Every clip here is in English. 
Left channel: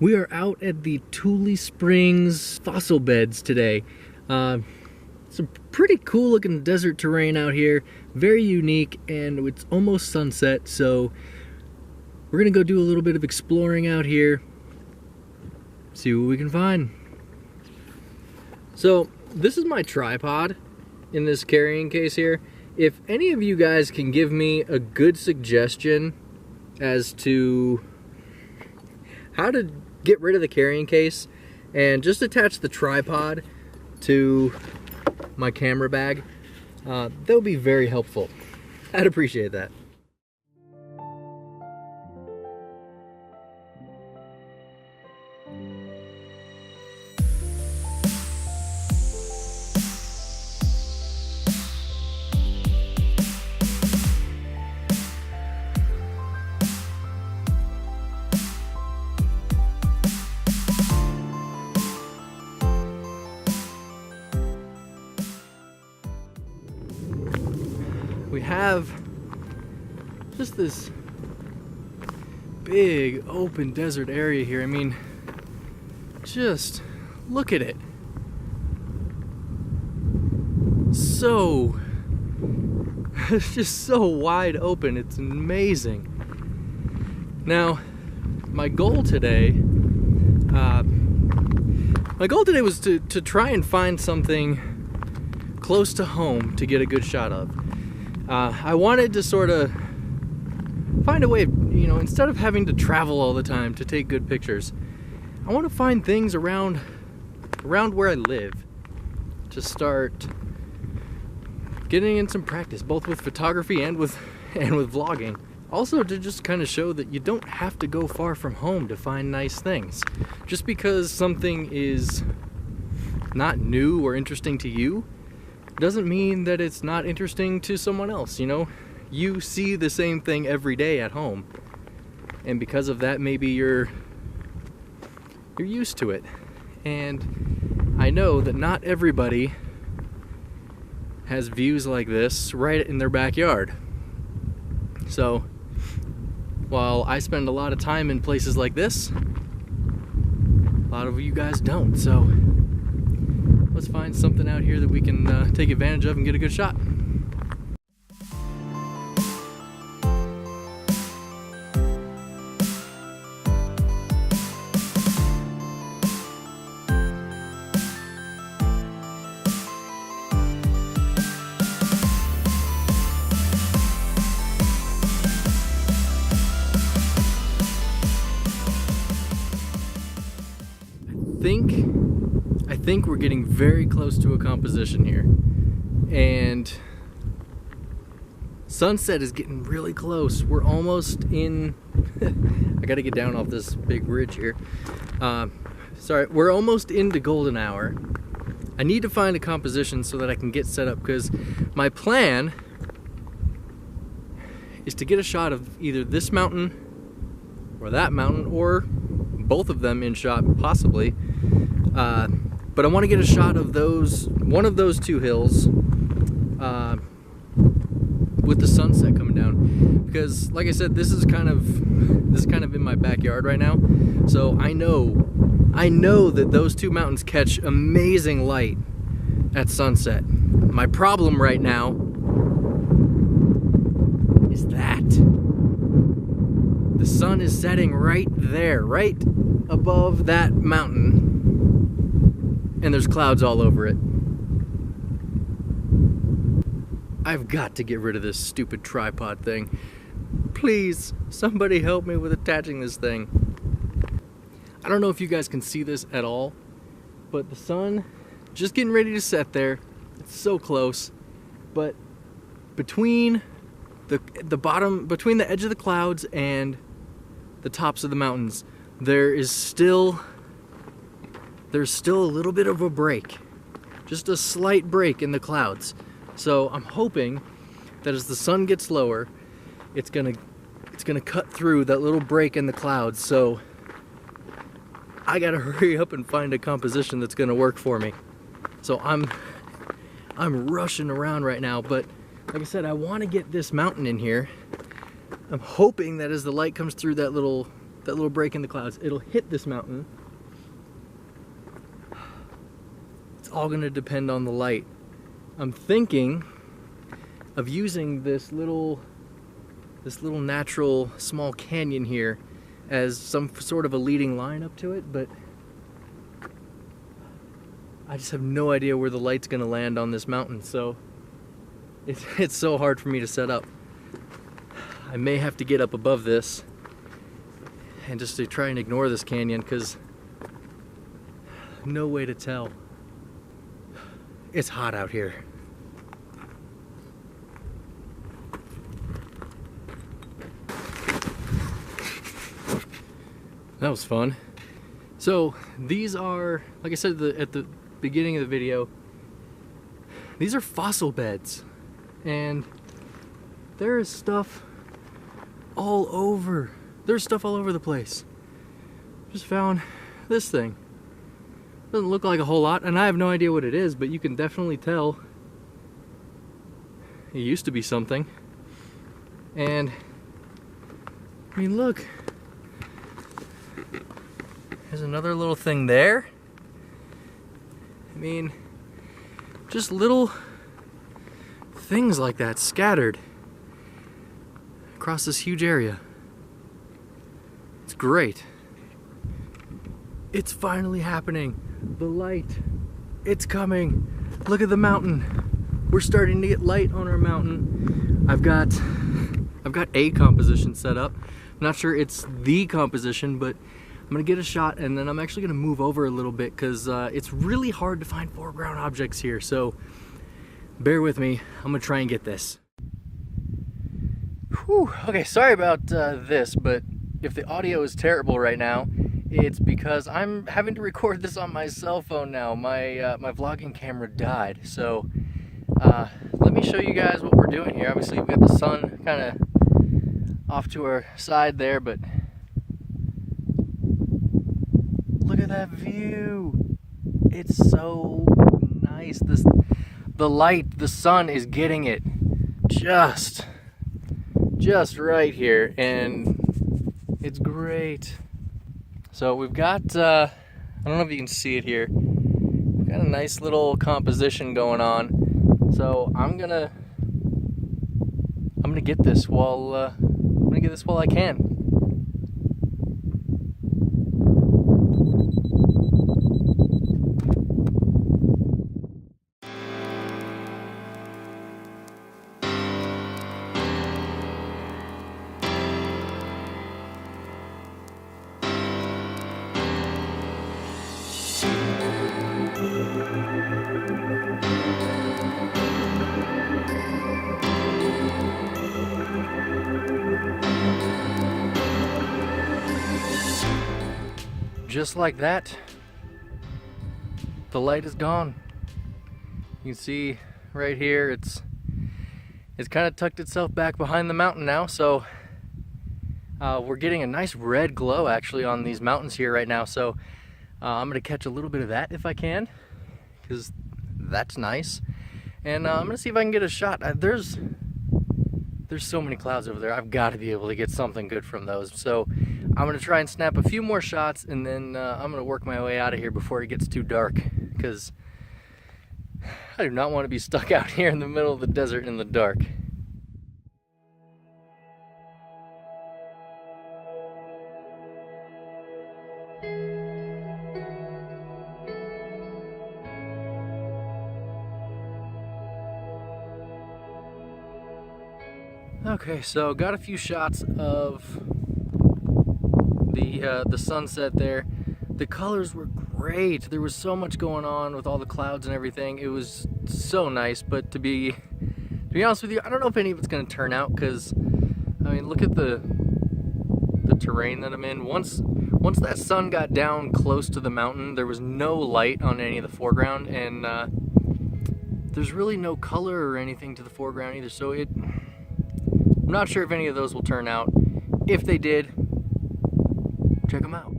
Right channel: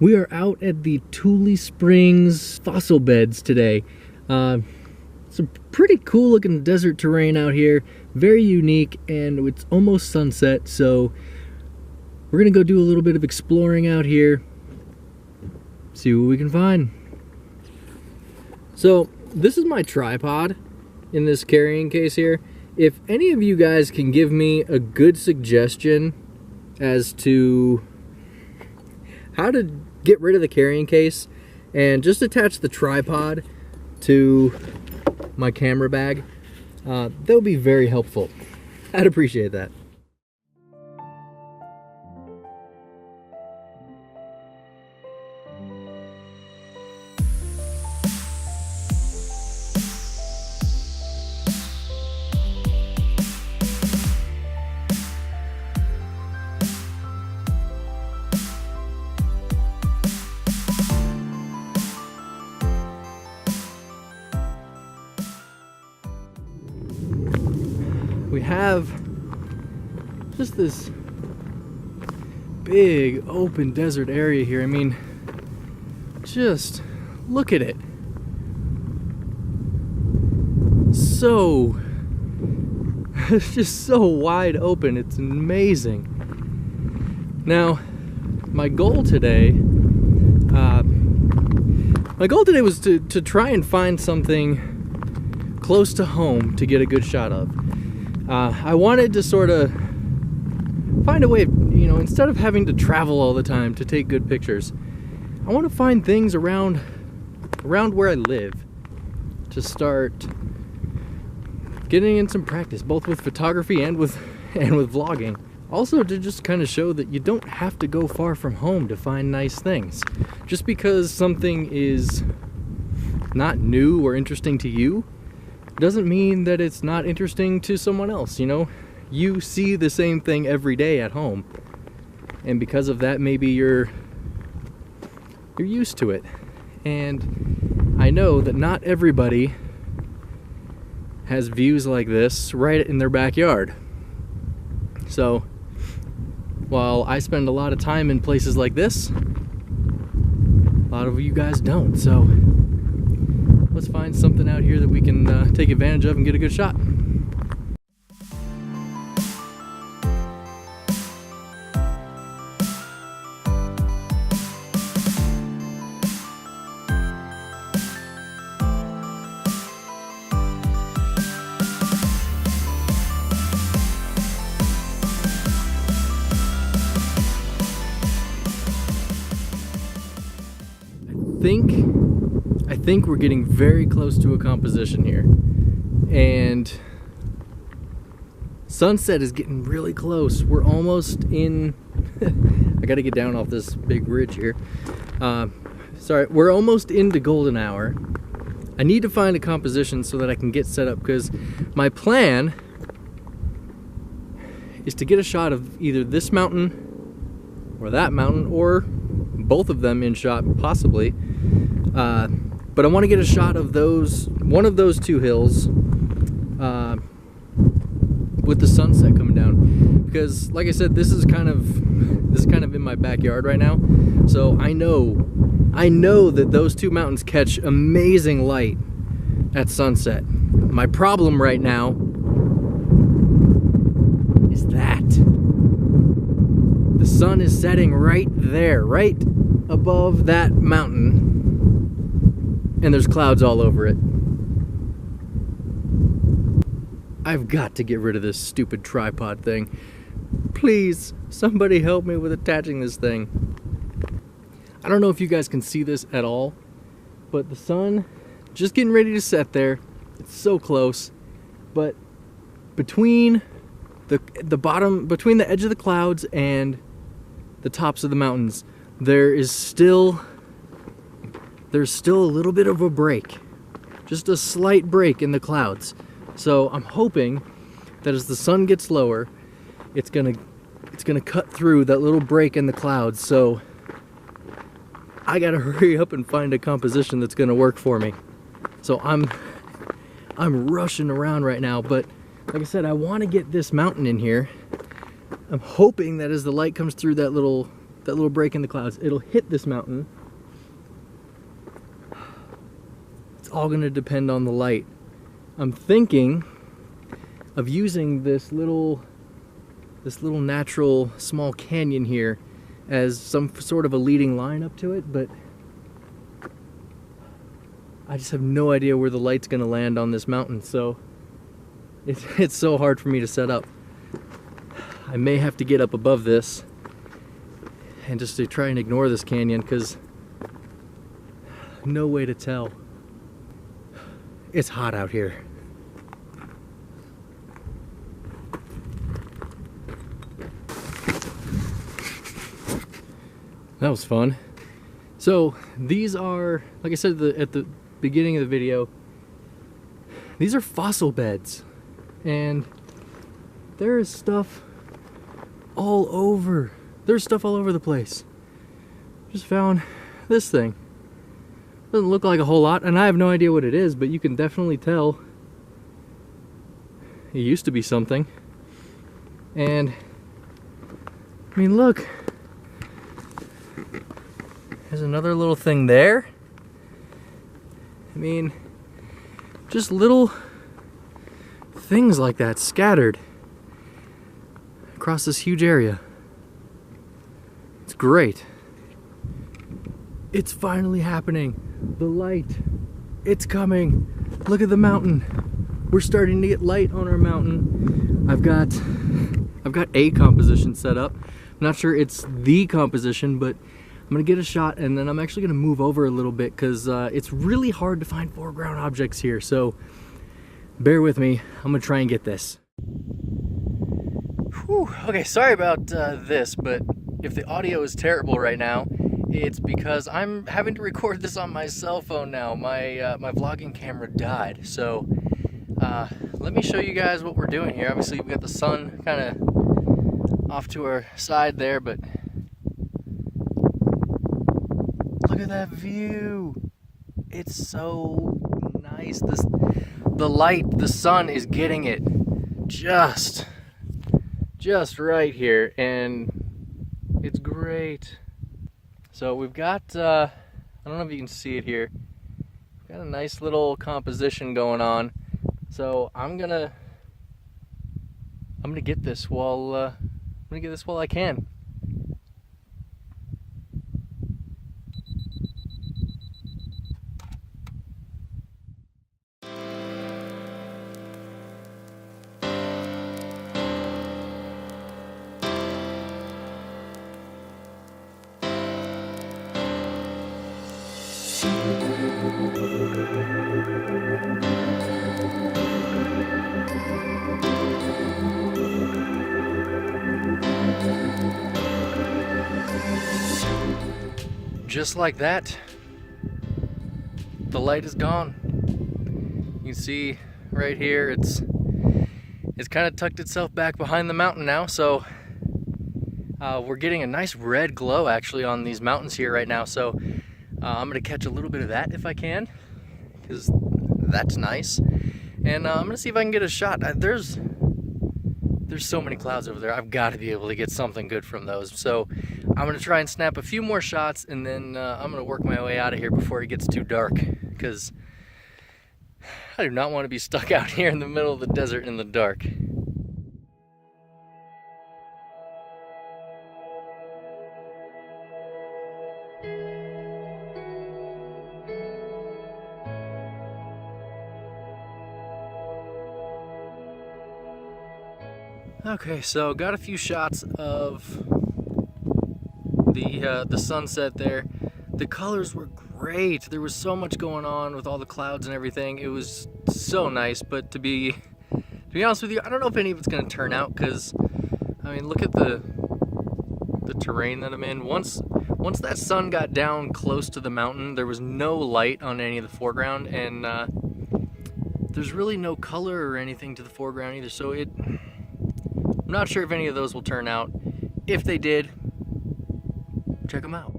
We are out at the Tule Springs fossil beds today. Some pretty cool looking desert terrain out here, very unique, and it's almost sunset, so we're gonna go do a little bit of exploring out here, see what we can find. So this is my tripod in this carrying case here. If any of you guys can give me a good suggestion as to how to get rid of the carrying case and just attach the tripod to my camera bag, that would be very helpful. I'd appreciate that. We have just this big open desert area here. I mean, just look at it. It's just so wide open. It's amazing. Now, my goal today was to try and find something close to home to get a good shot of. I wanted to sort of find a way of, instead of having to travel all the time to take good pictures, I want to find things around where I live to start getting in some practice, both with photography and with vlogging. Also to just kind of show that you don't have to go far from home to find nice things. Just because something is not new or interesting to you doesn't mean that it's not interesting to someone else. You see the same thing every day at home, and because of that, maybe you're used to it. And I know that not everybody has views like this right in their backyard. So while I spend a lot of time in places like this, a lot of you guys don't. So let's find something out here that we can take advantage of and get a good shot. I think we're getting very close to a composition here, and sunset is getting really close. We're almost in I gotta get down off this big ridge here. Sorry, we're almost into golden hour. I need to find a composition so that I can get set up, because my plan is to get a shot of either this mountain or that mountain, or both of them in shot possibly. But I want to get a shot of one of those two hills with the sunset coming down, because like I said, this is kind of in my backyard right now. So I know that those two mountains catch amazing light at sunset. My problem right now is that the sun is setting right there, right above that mountain, and there's clouds all over it. I've got to get rid of this stupid tripod thing. Please, somebody help me with attaching this thing. I don't know if you guys can see this at all, but the sun just getting ready to set there. It's so close, but between between the edge of the clouds and the tops of the mountains, there's still a little bit of a break, just a slight break in the clouds. So I'm hoping that as the sun gets lower, it's gonna cut through that little break in the clouds. So I gotta hurry up and find a composition that's gonna work for me. So I'm rushing around right now, but like I said, I want to get this mountain in here. I'm hoping that as the light comes through that little that little break in the clouds, it'll hit this mountain. It's all gonna depend on the light. I'm thinking of using this little natural small canyon here as some sort of a leading line up to it, but I just have no idea where the light's gonna land on this mountain, so it's so hard for me to set up. I may have to get up above this and just to try and ignore this canyon, because no way to tell. It's hot out here. That was fun. So these are, like I said at the beginning of the video, these are fossil beds, and there is stuff all over. There's stuff all over the place. Just found this thing. Doesn't look like a whole lot, and I have no idea what it is, but you can definitely tell it used to be something. And I mean, look, there's another little thing there. I mean, just little things like that scattered across this huge area. It's great. It's finally happening. The light, it's coming. Look at the mountain. We're starting to get light on our mountain. I've got a composition set up. I'm not sure it's the composition, but I'm gonna get a shot, and then I'm actually gonna move over a little bit because it's really hard to find foreground objects here, so bear with me. I'm gonna try and get this. Whew. Okay, sorry about this, but if the audio is terrible right now, it's because I'm having to record this on my cell phone now. My vlogging camera died, so let me show you guys what we're doing here. Obviously, we got the sun kind of off to our side there, but look at that view. It's so nice. The light, the sun is getting it just right here, and it's great. So we've got, I don't know if you can see it here, we've got a nice little composition going on. So I'm gonna get this while I can. Just like that, the light is gone. You can see right here, it's kind of tucked itself back behind the mountain now, so we're getting a nice red glow actually on these mountains here right now. So I'm gonna catch a little bit of that if I can, because that's nice. And I'm gonna see if I can get a shot. There's so many clouds over there. I've got to be able to get something good from those. So I'm gonna try and snap a few more shots, and then I'm gonna work my way out of here before it gets too dark, because I do not want to be stuck out here in the middle of the desert in the dark. Okay, so got a few shots of the sunset there. The colors were great. There was so much going on with all the clouds and everything. It was so nice, but to be honest with you, I don't know if any of it's going to turn out, because I mean, look at the terrain that I'm in. Once that sun got down close to the mountain, there was no light on any of the foreground, and there's really no color or anything to the foreground either, so I'm not sure if any of those will turn out. If they did, check them out.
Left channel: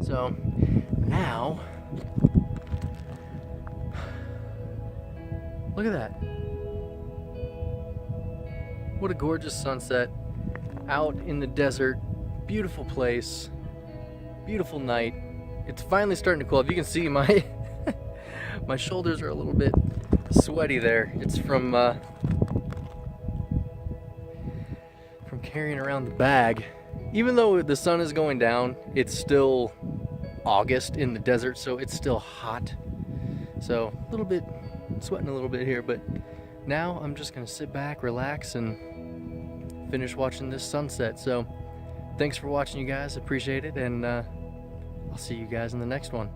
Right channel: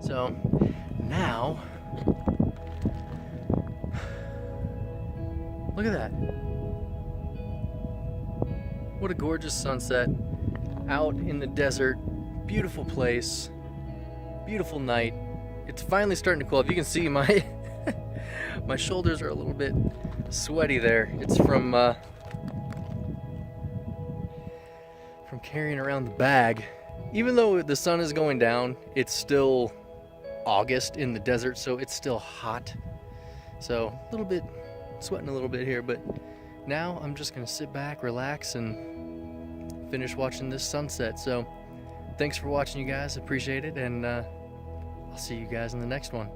So now, look at that. What a gorgeous sunset out in the desert. Beautiful place, beautiful night. It's finally starting to cool off. You can see my my shoulders are a little bit sweaty there. It's from carrying around the bag. Even though the sun is going down, it's still August in the desert, so it's still hot. So a little bit, sweating a little bit here, but now I'm just gonna sit back, relax, and finish watching this sunset. So thanks for watching, you guys. Appreciate it, and I'll see you guys in the next one.